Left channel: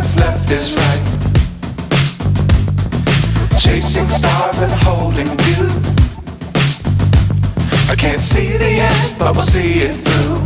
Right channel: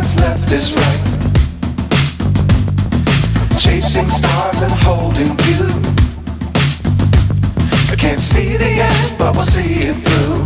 what's left is right. Chasing stars and holding you. I can't see the end, but we'll see it through.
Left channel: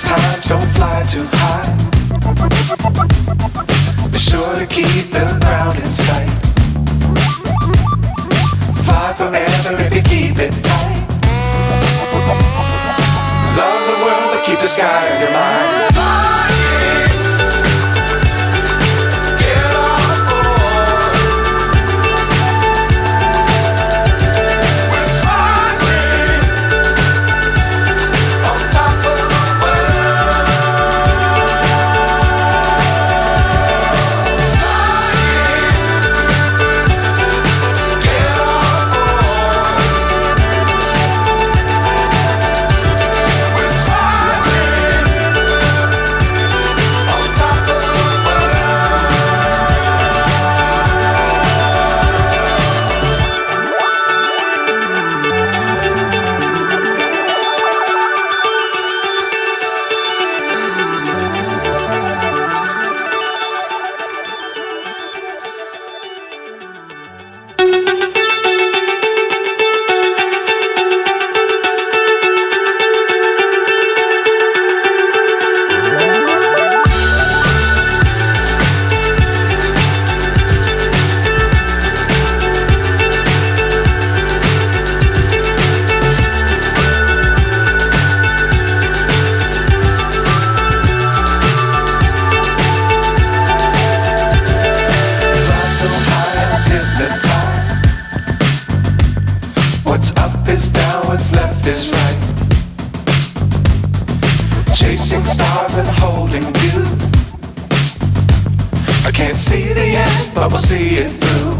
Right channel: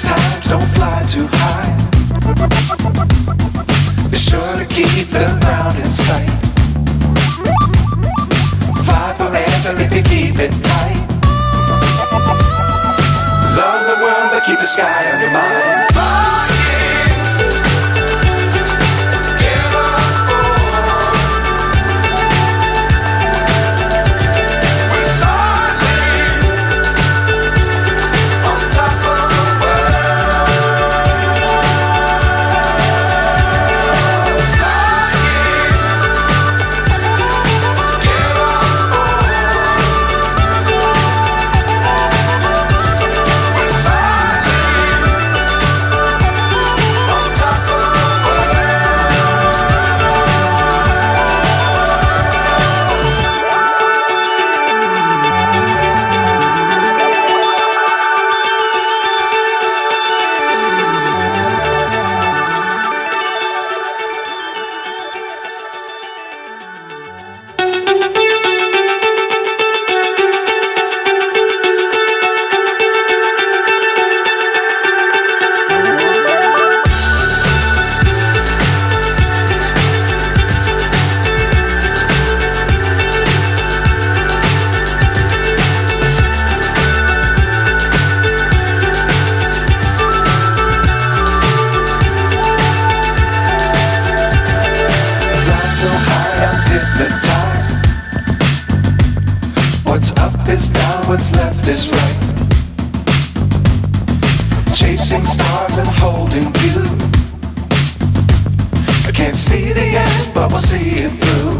Times don't fly too high. Be sure to keep the ground in sight. Fly forever if you keep it tight. Love the world but keep the sky on your mind. So high I'm hypnotized. What's up is down, what's left is right. Chasing stars and holding you. I can't see the end, but we'll see it through.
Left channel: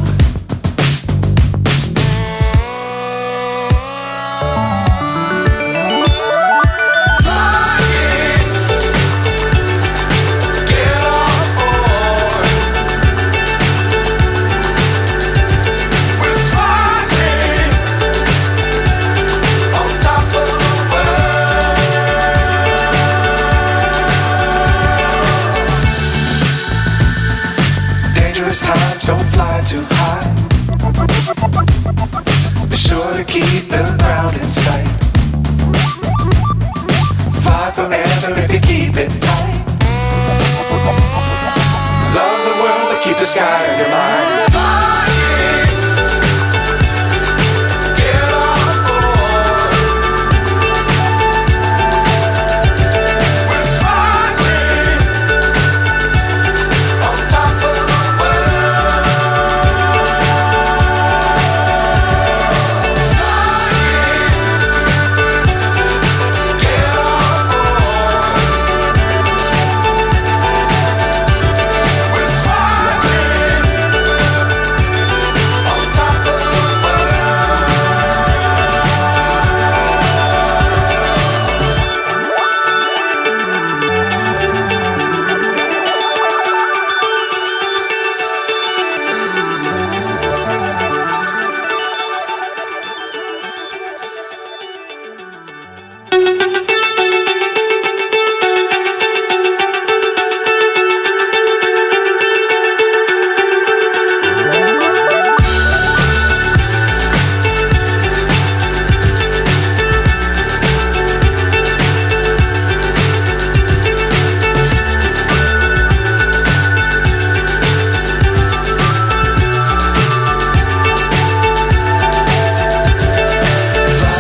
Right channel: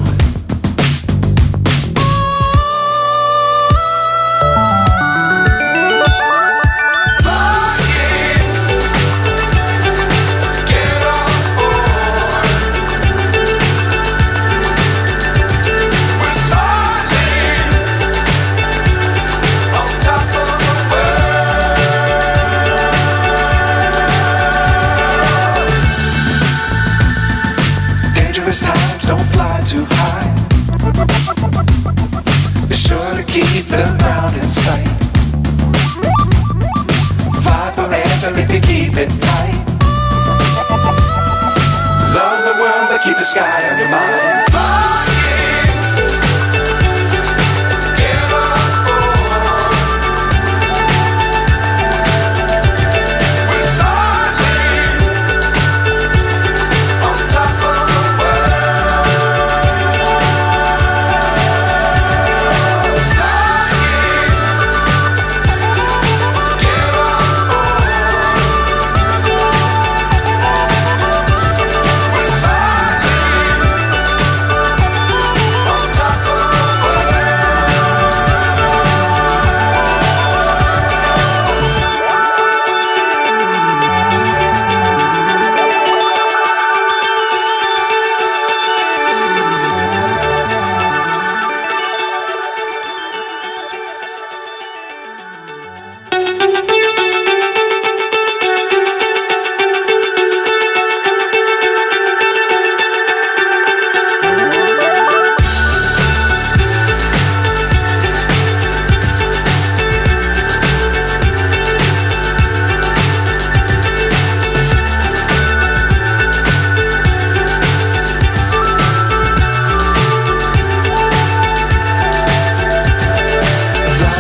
Times don't fly too high. Be sure to keep the ground in sight. Fly forever if you keep it tight. Love the world but keep the sky on your mind.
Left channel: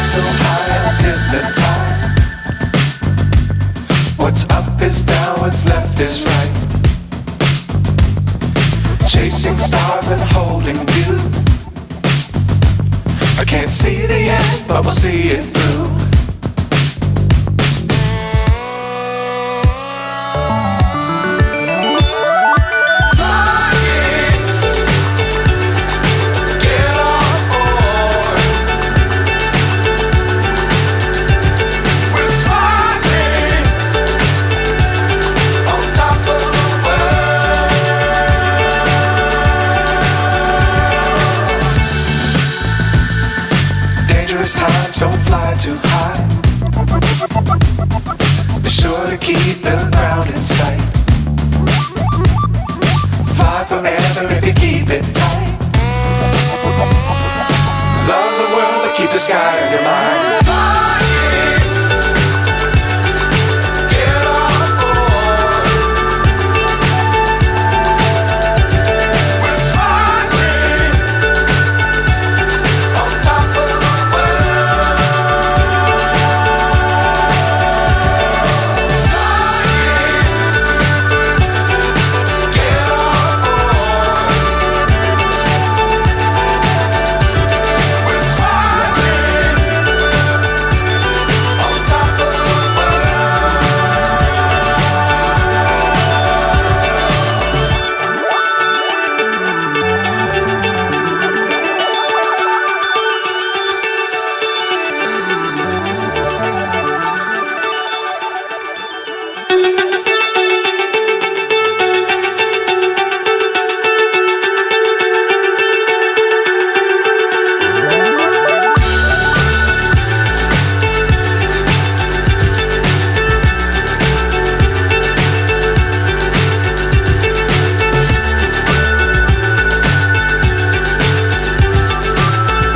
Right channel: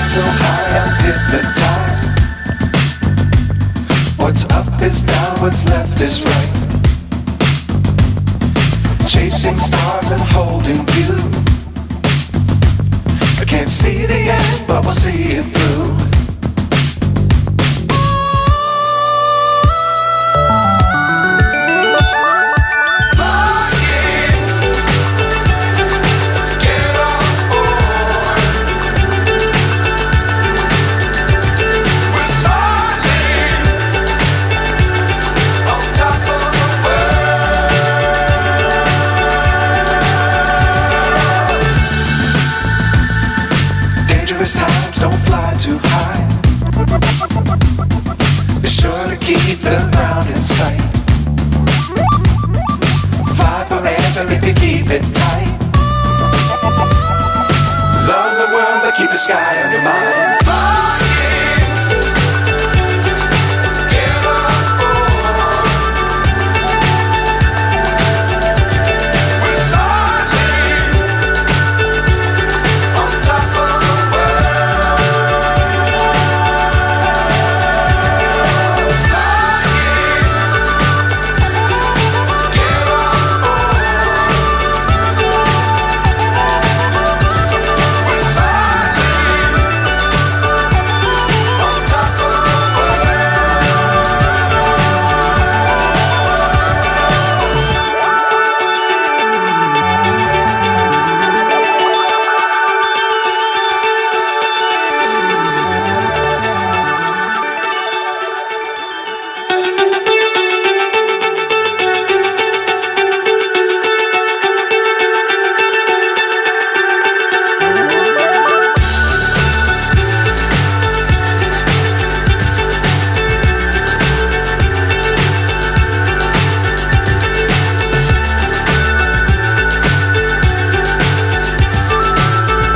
So high I'm hypnotized. What's up is down, what's left is right. Chasing stars and holding you. I can't see the end, but we'll see it through. Flying, sky on your mind.